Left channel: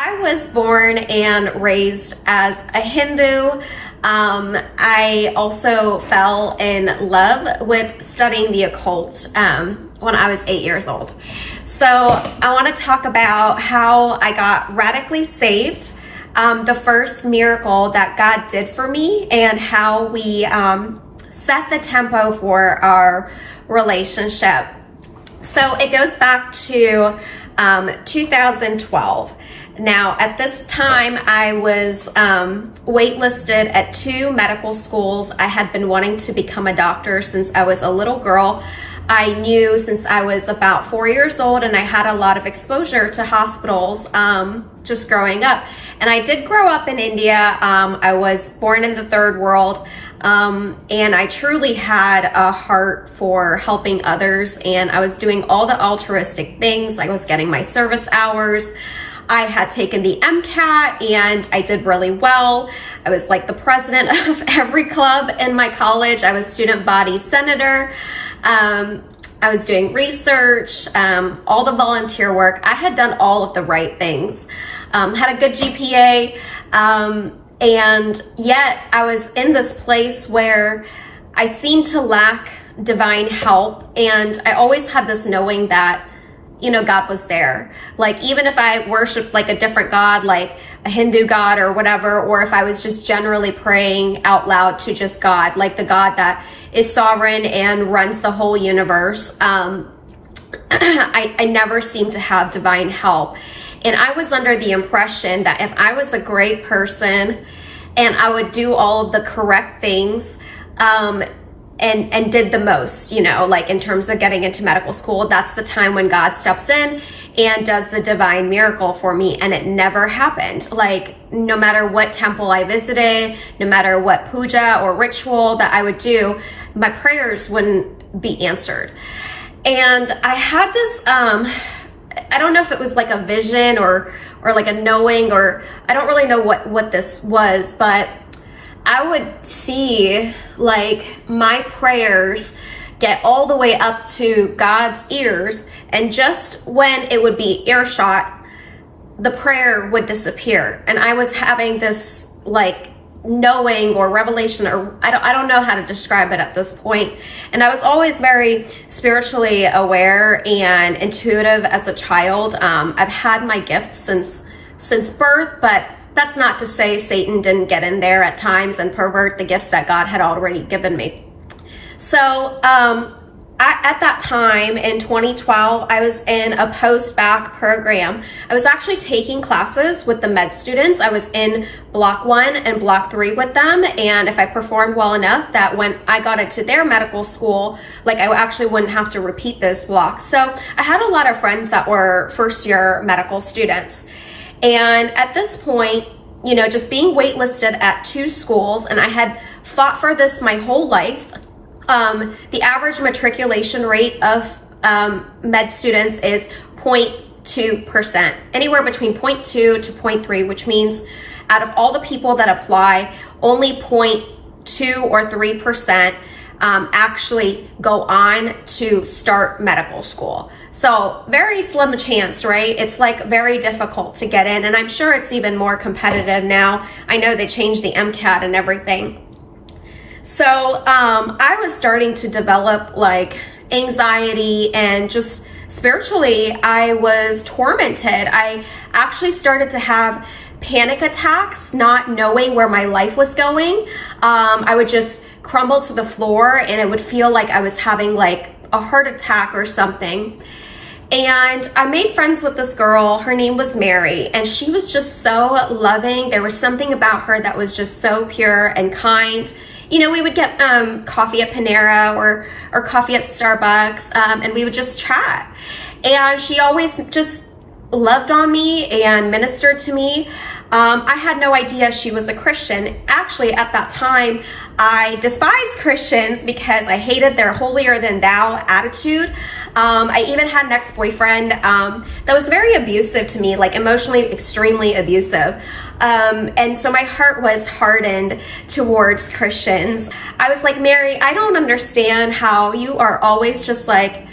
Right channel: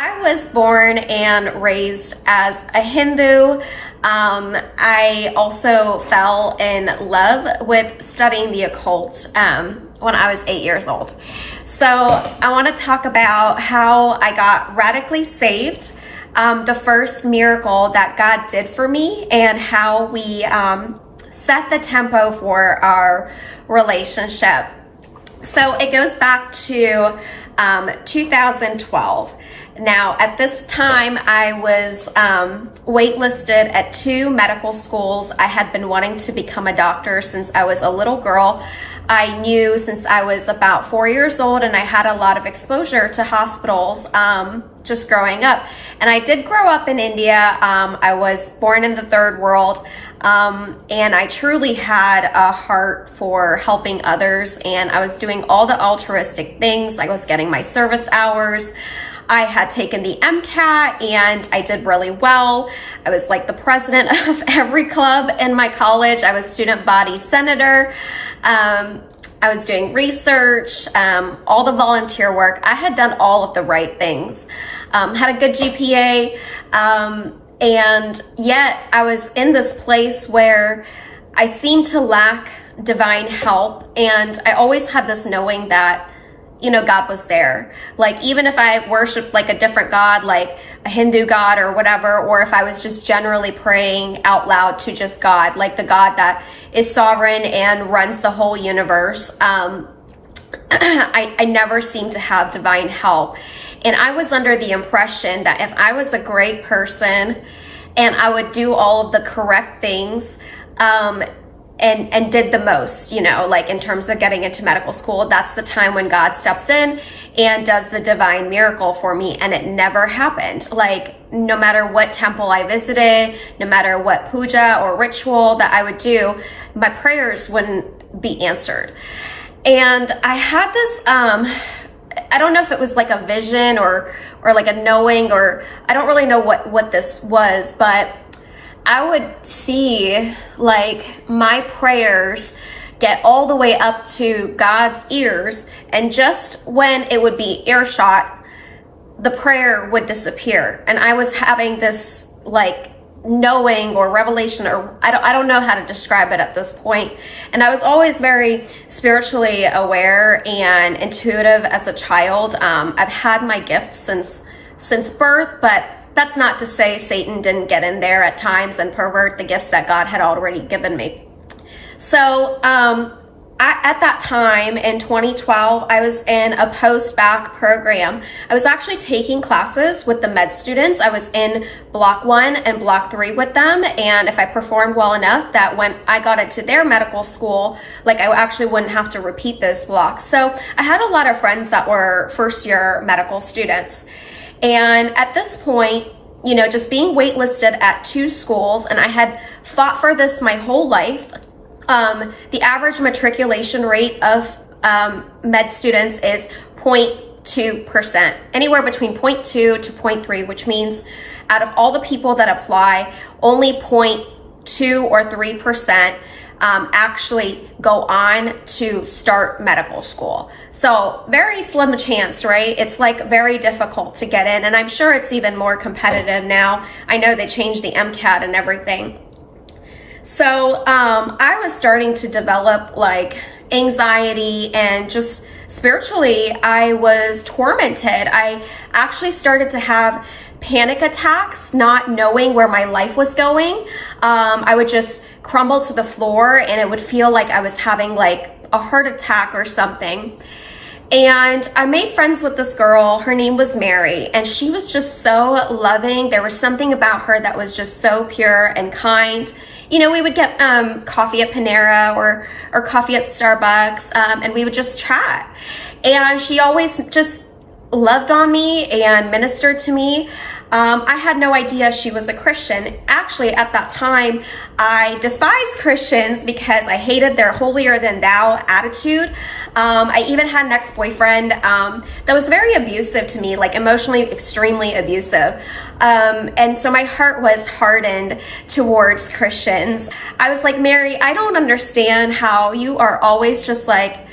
I was born and raised as a Hindu. I also fell in love with studying the occult when I was 8 years old. So I want to talk about how I got radically saved, the first miracle that God did for me, and how we set the tempo for our relationship. So it goes back to 2012. Now, at this time, I was waitlisted at 2 medical schools. I had been wanting to become a doctor since I was a little girl. I knew since I was about 4 years old, and I had a lot of exposure to hospitals just growing up. And I did grow up in India. I was born in the third world, and I truly had a heart for helping others. And I was doing all the altruistic things. I was getting my service hours. I had taken the MCAT and I did really well. I was like the president of every club in my college. I was student body senator. I was doing research, all the volunteer work. I had done all of the right things. Had a good GPA, and yet I was in this place where I seemed to lack divine help. And I always had this knowing that God was there. Like, even if I worshiped like a different God, like a Hindu God or whatever, or if I was just generally praying out loud to just God, like the God that is sovereign and runs the whole universe, I never seemed to have divine help. And I was under the impression that if I was a great person and I would do all of the correct things, and did the most, like in terms of getting into medical school, that's the time when God steps in and does the divine miracle for me. And it never happened. Like, no matter what temple I visited, no matter what puja or ritual that I would do, my prayers wouldn't be answered. And I had this, I don't know if it was like a vision or like a knowing, or I don't really know what this was, but I would see like my prayers get all the way up to God's ears, and just when it would be earshot, the prayer would disappear. And I was having this like knowing or revelation, or I don't know how to describe it at this point. And I was always very spiritually aware and intuitive as a child. I've had my gifts since birth, but that's not to say Satan didn't get in there at times and pervert the gifts that God had already given me. So at that time in 2012, I was in a post-bac program. I was actually taking classes with the med students. I was in block 1 and block 3 with them. And if I performed well enough, that when I got into their medical school, like, I actually wouldn't have to repeat those blocks. So I had a lot of friends that were first-year medical students. And at this point, just being waitlisted at 2 schools, and I had fought for this my whole life. The average matriculation rate of med students is 0.2%, anywhere between 0.2 to 0.3, which means out of all the people that apply, only 0.2 or 3% actually go on to start medical school. So very slim chance, right? It's like very difficult to get in, and I'm sure it's even more competitive now. I know they changed the MCAT and everything. So I was starting to develop like anxiety, and just spiritually I was tormented. I actually started to have panic attacks, not knowing where my life was going. I would just crumble to the floor, and it would feel like I was having like a heart attack or something. And I made friends with this girl. Her name was Mary, and she was just so loving. There was something about her that was just so pure and kind. We would get coffee at Panera or coffee at Starbucks, and we would just chat. And she always just loved on me and ministered to me. I had no idea she was a Christian. Actually, at that time, I despised Christians because I hated their holier than thou attitude. I even had an ex-boyfriend that was very abusive to me, like emotionally extremely abusive. And so my heart was hardened towards Christians. I was like, Mary, I don't understand how you are always just like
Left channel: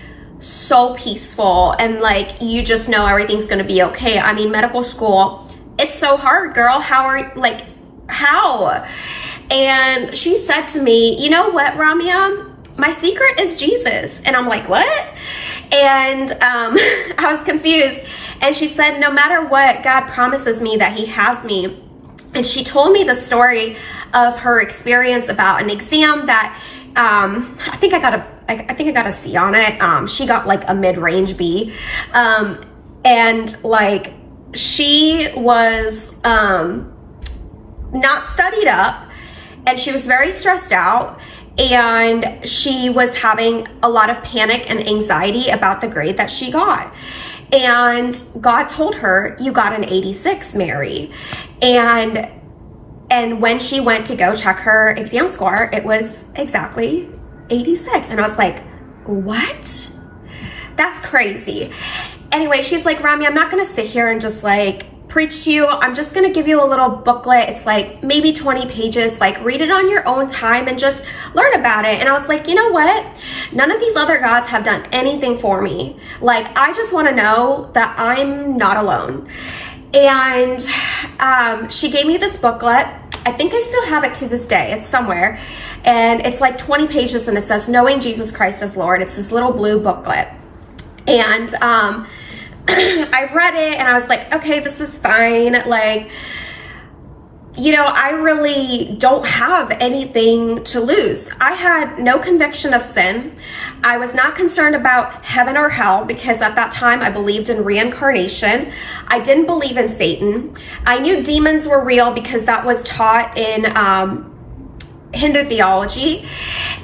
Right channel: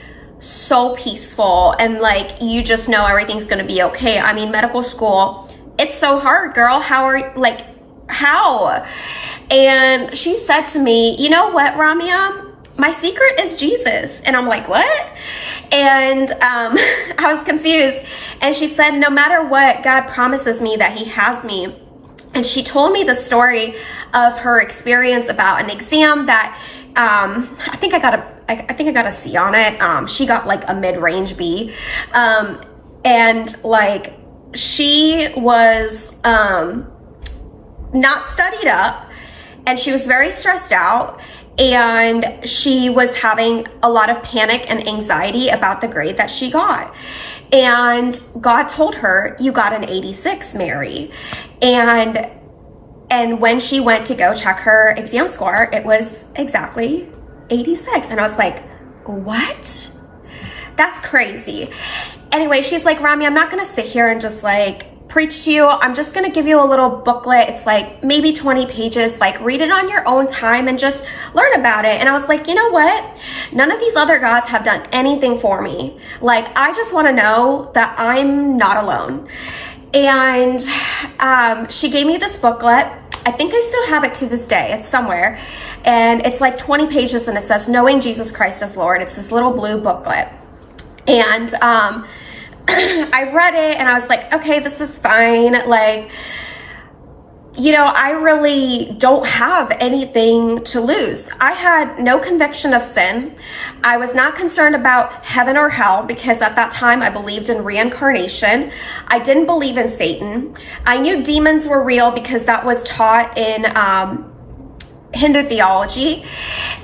so peaceful and like you just know everything's going to be okay. I mean, medical school it's so hard, girl. How are, like, how? And she said to me, you know what, Ramya? My secret is Jesus. And I'm like, what? And I was confused. And she said, no matter what, God promises me that he has me. And she told me the story of her experience about an exam that I think I got a C on it. She got like a mid-range B. And like, she was not studied up, and she was very stressed out, and she was having a lot of panic and anxiety about the grade that she got. And God told her, you got an 86, Mary. And when she went to go check her exam score, it was exactly 86. And I was like, what? That's crazy. Anyway, she's like, Ramya, I'm not going to sit here and just like preach to you. I'm just going to give you a little booklet. It's like maybe 20 pages, like read it on your own time and just learn about it. And I was like, you know what? None of these other gods have done anything for me. Like, I just want to know that I'm not alone. And she gave me this booklet. I think I still have it to this day. It's somewhere. And it's like 20 pages, and it says, Knowing Jesus Christ as Lord. It's this little blue booklet. And I read it, and I was like, okay, this is fine. Like, you know, I really don't have anything to lose. I had no conviction of sin. I was not concerned about heaven or hell, because at that time I believed in reincarnation. I didn't believe in Satan. I knew demons were real because that was taught in Hindu theology.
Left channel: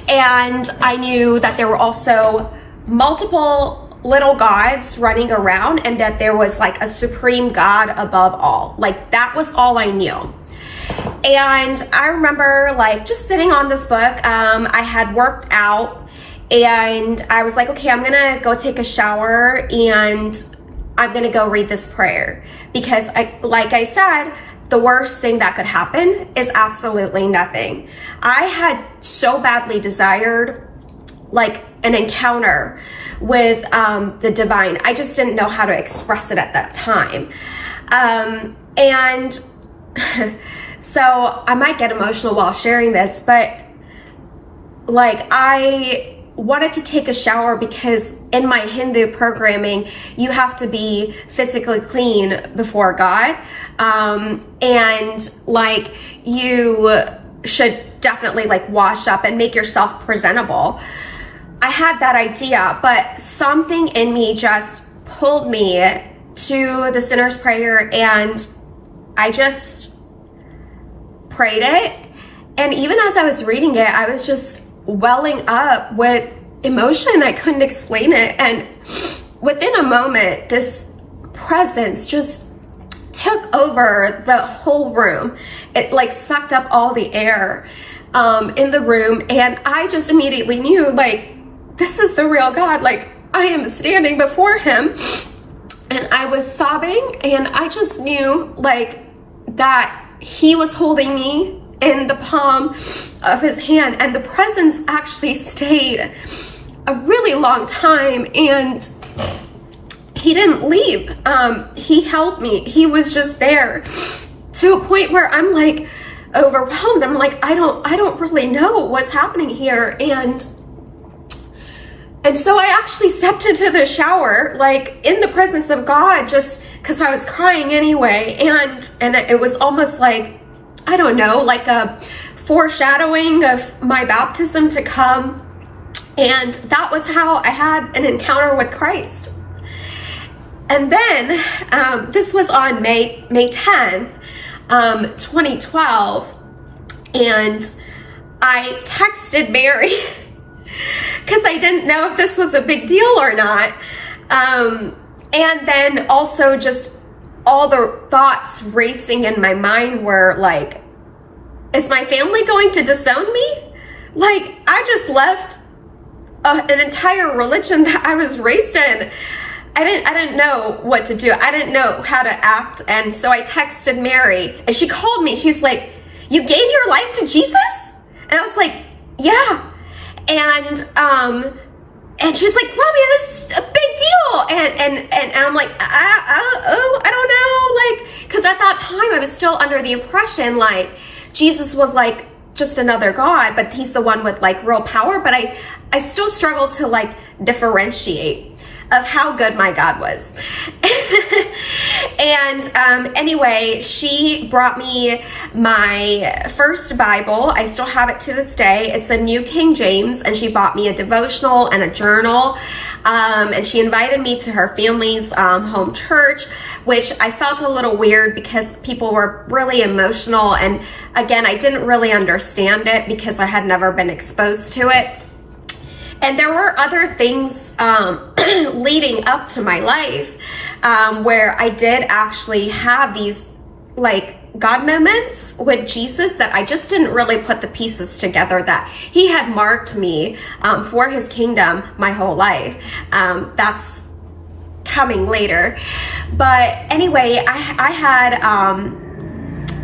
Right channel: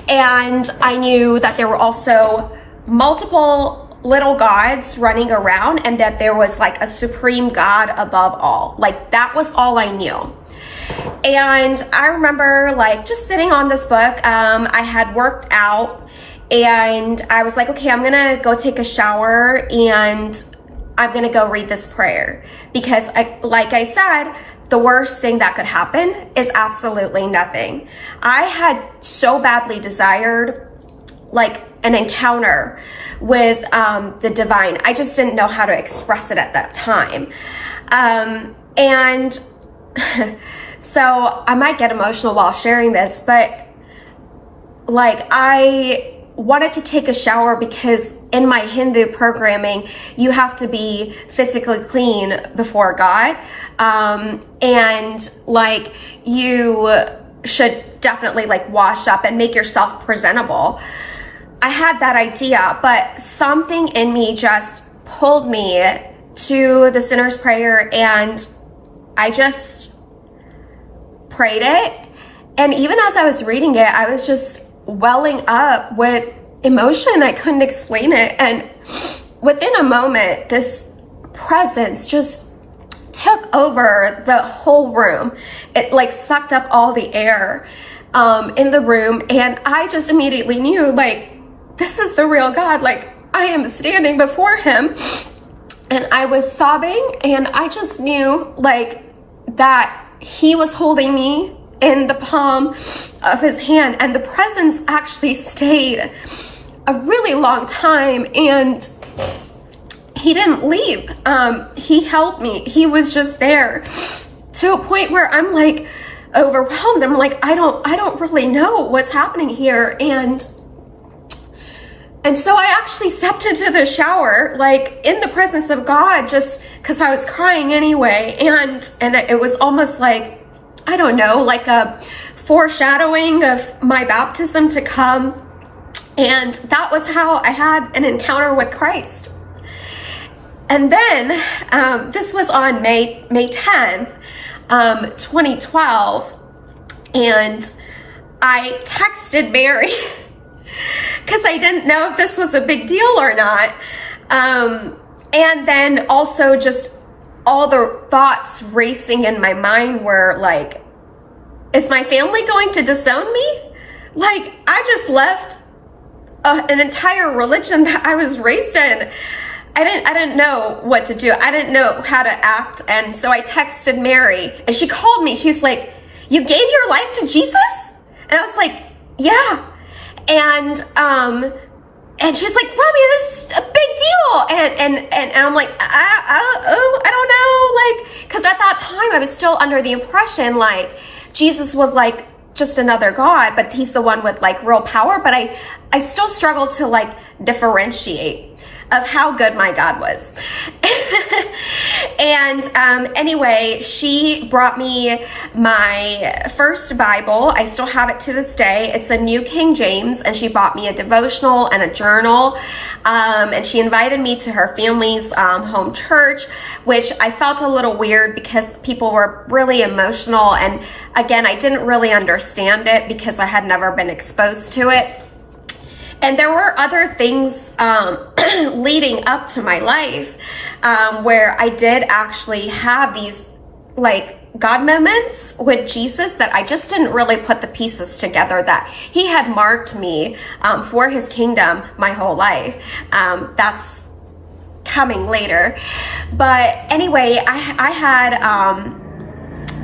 And I knew that there were also multiple little gods running around, and that there was like a supreme God above all. Like, that was all I knew. And I remember like just sitting on this book. I had worked out, and I was like, okay, I'm gonna go take a shower, and I'm gonna go read this prayer, because like I said, the worst thing that could happen is absolutely nothing. I had so badly desired like an encounter with the divine. I just didn't know how to express it at that time. And so I might get emotional while sharing this, but like, I wanted to take a shower because in my Hindu programming, you have to be physically clean before God. And like, you should definitely like wash up and make yourself presentable. I had that idea, but something in me just pulled me to the sinner's prayer, and I just prayed it. And even as I was reading it, I was just welling up with emotion. I couldn't explain it. And within a moment, this presence just took over the whole room. It like sucked up all the air in the room. And I just immediately knew, like, this is the real God. Like, I am standing before him. And I was sobbing, and I just knew like that he was holding me in the palm of his hand, and the presence actually stayed a really long time, and he didn't leave. He held me. He was just there, to a point where I'm like overwhelmed. I'm like, I don't really know what's happening here. And so I actually stepped into the shower, like in the presence of God, just because I was crying anyway. And it was almost like, I don't know, like a foreshadowing of my baptism to come. And that was how I had an encounter with Christ. And then this was on May 10th, 2012. And I texted Mary because I didn't know if this was a big deal or not. And then also just all the thoughts racing in my mind were like, is my family going to disown me? Like, I just left an entire religion that I was raised in. I didn't know what to do. I didn't know how to act. And so I texted Mary, and she called me. She's like, you gave your life to Jesus? And I was like, yeah. And And she's like, Robbie, this is a big deal. And I'm like, I don't know. Like, because at that time I was still under the impression like Jesus was like just another God, but he's the one with like real power. But I still struggled to like differentiate of how good my God was. And anyway, she brought me my first Bible. I still have it to this day. It's a New King James, and she bought me a devotional and a journal. And she invited me to her family's home church, which I felt a little weird because people were really emotional. And again, I didn't really understand it because I had never been exposed to it. And there were other things leading up to my life where I did actually have these like God moments with Jesus that I just didn't really put the pieces together that he had marked me for his kingdom my whole life. That's coming later. But anyway, I had...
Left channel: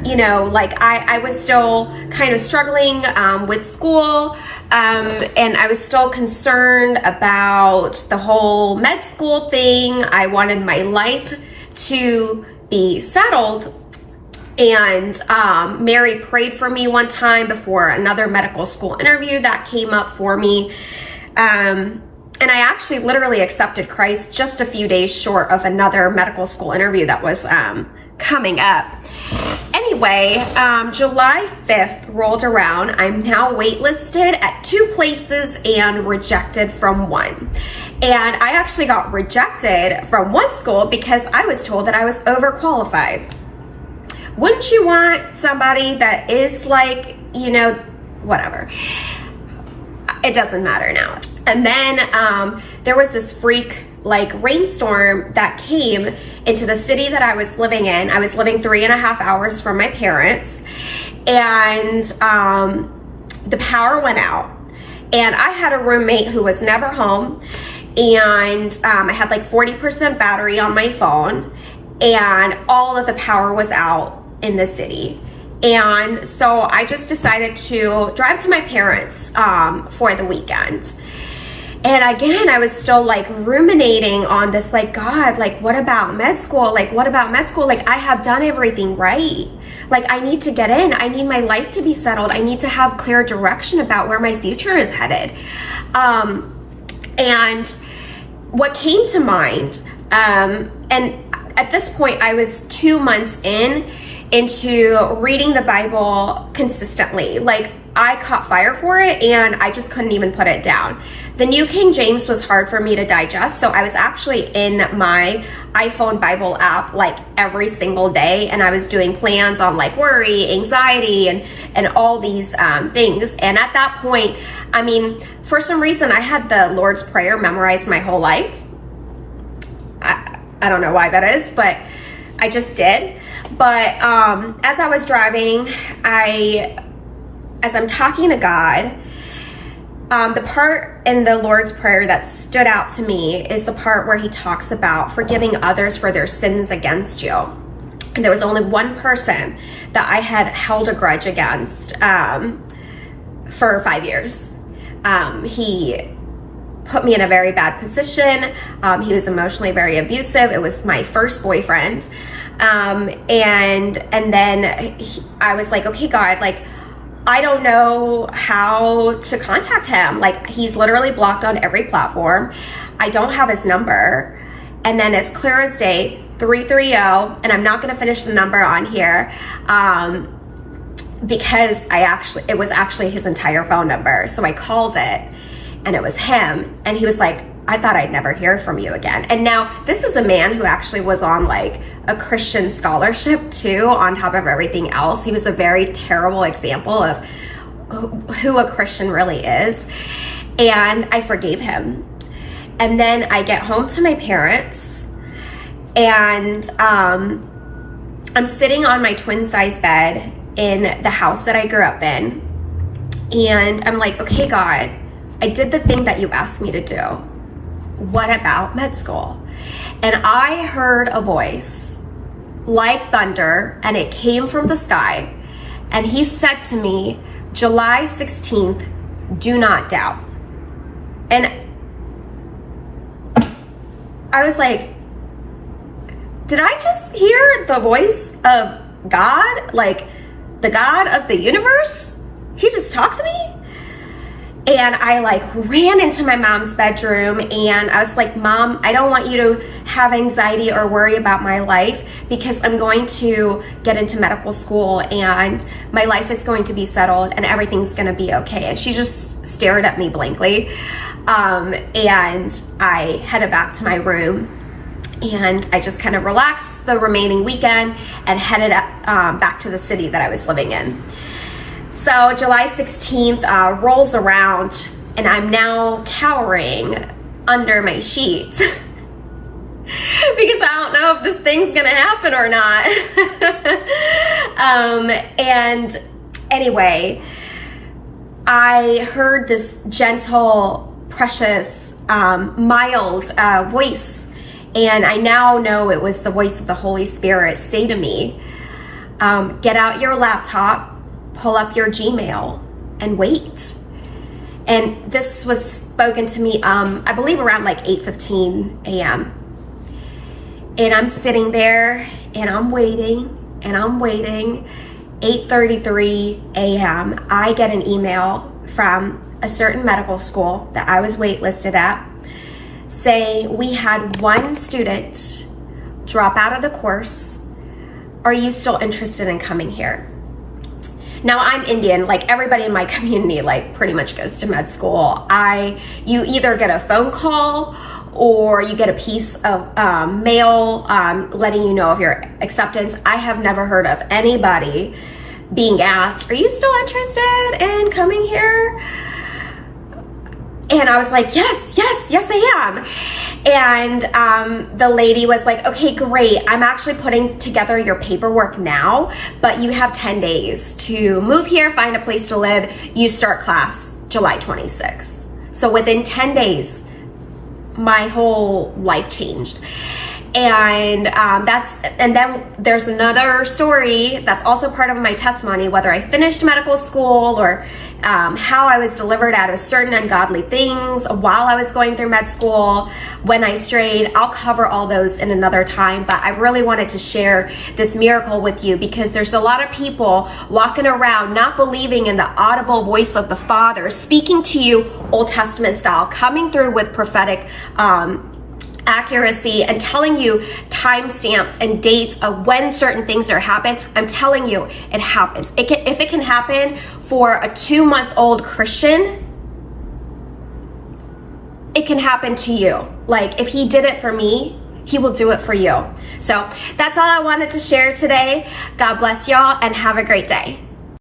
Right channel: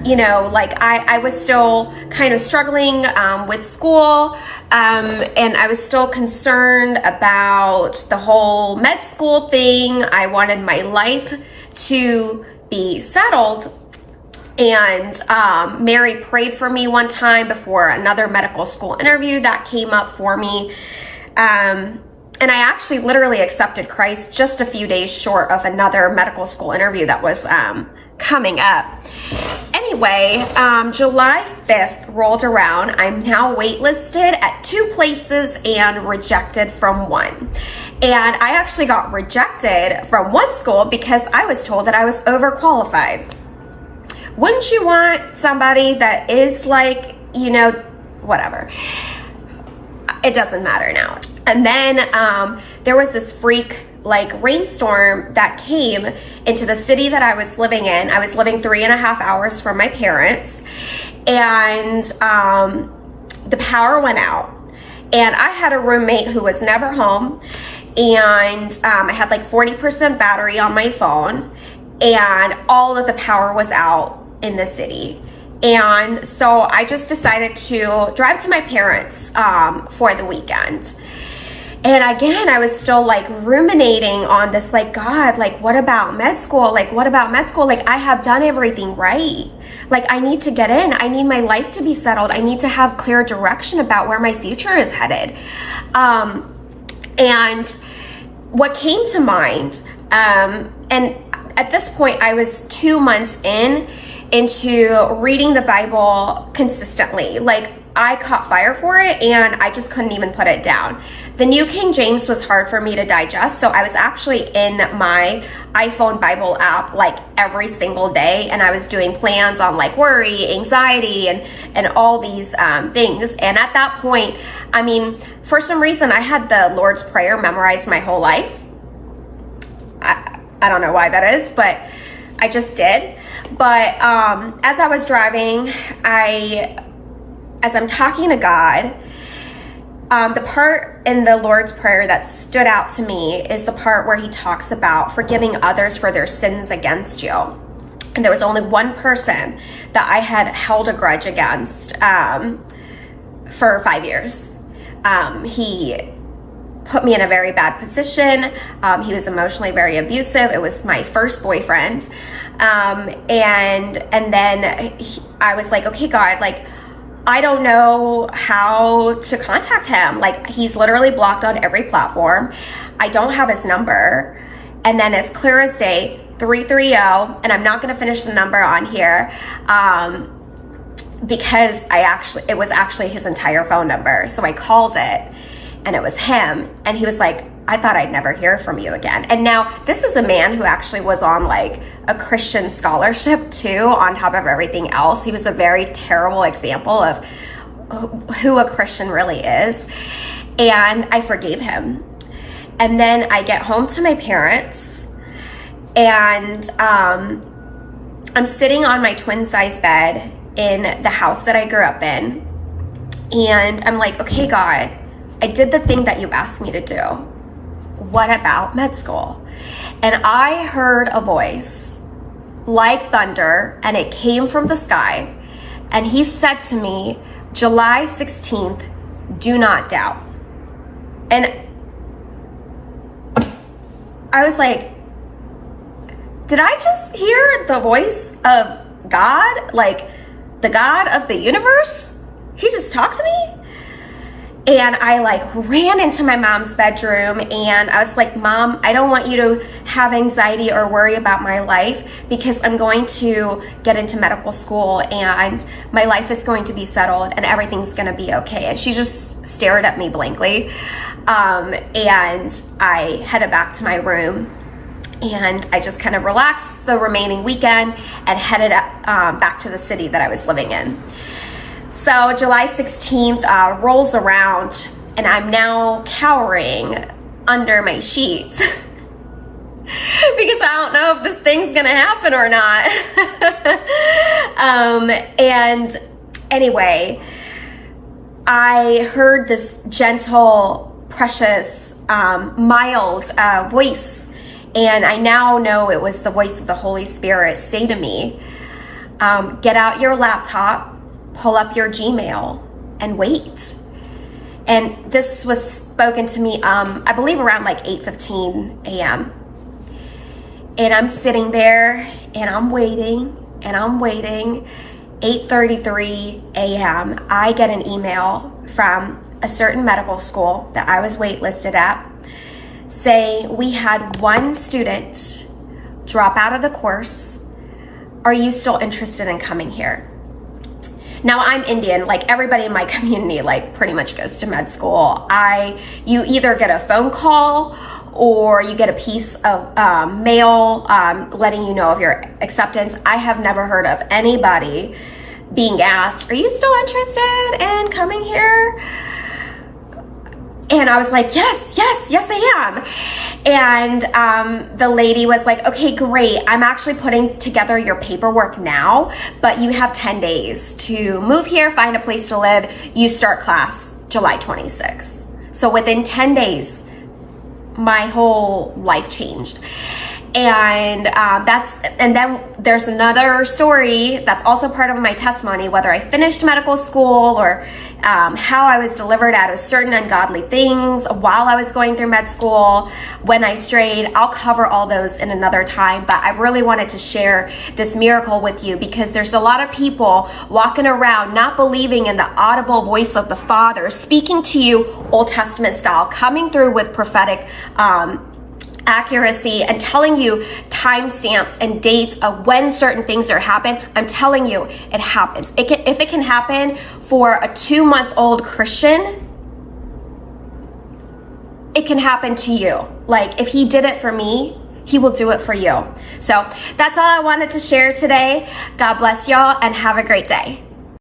you know, like I was still kind of struggling with school, and I was still concerned about the whole med school thing. I wanted my life to be settled. And Mary prayed for me one time before another medical school interview that came up for me. And I actually literally accepted Christ just a few days short of another medical school interview that was coming up. Anyway, July 5th rolled around. I'm now waitlisted at 2 places and rejected from 1. And I actually got rejected from one school because I was told that I was overqualified. Wouldn't you want somebody that is like, you know, whatever. It doesn't matter now. And then there was this freak like rainstorm that came into the city that I was living in. I was living 3.5 hours from my parents, and the power went out. And I had a roommate who was never home, and I had like 40% battery on my phone, and all of the power was out in the city. And so I just decided to drive to my parents for the weekend. And again, I was still like ruminating on this, like, God, like, what about med school? Like, what about med school? Like, I have done everything right. Like, I need to get in. I need my life to be settled. I need to have clear direction about where my future is headed. And what came to mind, and at this point, I was 2 months into reading the Bible consistently. Like, I caught fire for it, and I just couldn't even put it down. The New King James was hard for me to digest, so I was actually in my iPhone Bible app like every single day, and I was doing plans on like worry, anxiety, and all these things. And at that point, I mean, for some reason, I had the Lord's Prayer memorized my whole life. I don't know why that is, but I just did. But as I was driving, as I'm talking to God, the part in the Lord's Prayer that stood out to me is the part where he talks about forgiving others for their sins against you. And there was only one person that I had held a grudge against for 5 years. He put me in a very bad position. He was emotionally very abusive. It was my first boyfriend. And then I was like, okay, God, like, I don't know how to contact him. Like, he's literally blocked on every platform. I don't have his number. And then as clear as day, 330, and I'm not going to finish the number on here because it was actually his entire phone number. So I called it, and it was him. And he was like, I thought I'd never hear from you again. And now this is a man who actually was on like a Christian scholarship too, on top of everything else. He was a very terrible example of who a Christian really is. And I forgave him. And then I get home to my parents, and I'm sitting on my twin size bed in the house that I grew up in. And I'm like, okay, God, I did the thing that you asked me to do. What about med school? And I heard a voice like thunder, and it came from the sky. And he said to me, July 16th, do not doubt. And I was like, did I just hear the voice of God? Like the God of the universe? He just talked to me? And I like ran into my mom's bedroom and I was like, Mom, I don't want you to have anxiety or worry about my life because I'm going to get into medical school and my life is going to be settled and everything's going to be okay. And she just stared at me blankly. And I headed back to my room and I just kind of relaxed the remaining weekend and headed back to the city that I was living in. So July 16th rolls around and I'm now cowering under my sheets because I don't know if this thing's gonna happen or not. And anyway, I heard this gentle, precious, mild voice, and I now know it was the voice of the Holy Spirit say to me, get out your laptop, pull up your Gmail and wait. And this was spoken to me, I believe around like 8:15 a.m. And I'm sitting there and I'm waiting and I'm waiting. 8:33 a.m. I get an email from a certain medical school that I was waitlisted at saying we had one student drop out of the course. Are you still interested in coming here? Now I'm Indian, like everybody in my community like pretty much goes to med school. You either get a phone call or you get a piece of mail letting you know of your acceptance. I have never heard of anybody being asked, are you still interested in coming here? And I was like, yes, I am. And the lady was like, okay, great. I'm actually putting together your paperwork now, but you have 10 days to move here, find a place to live. You start class July 26th. So within 10 days, my whole life changed. And then there's another story that's also part of my testimony, whether I finished medical school or how I was delivered out of certain ungodly things while I was going through med school, when I strayed. I'll cover all those in another time, but I really wanted to share this miracle with you because there's a lot of people walking around not believing in the audible voice of the Father speaking to you Old Testament style, coming through with prophetic accuracy and telling you timestamps and dates of when certain things are happening. I'm telling you, it happens. If it can happen for a 2-month-old Christian, it can happen to you. Like if he did it for me, he will do it for you. So that's all I wanted to share today. God bless y'all and have a great day.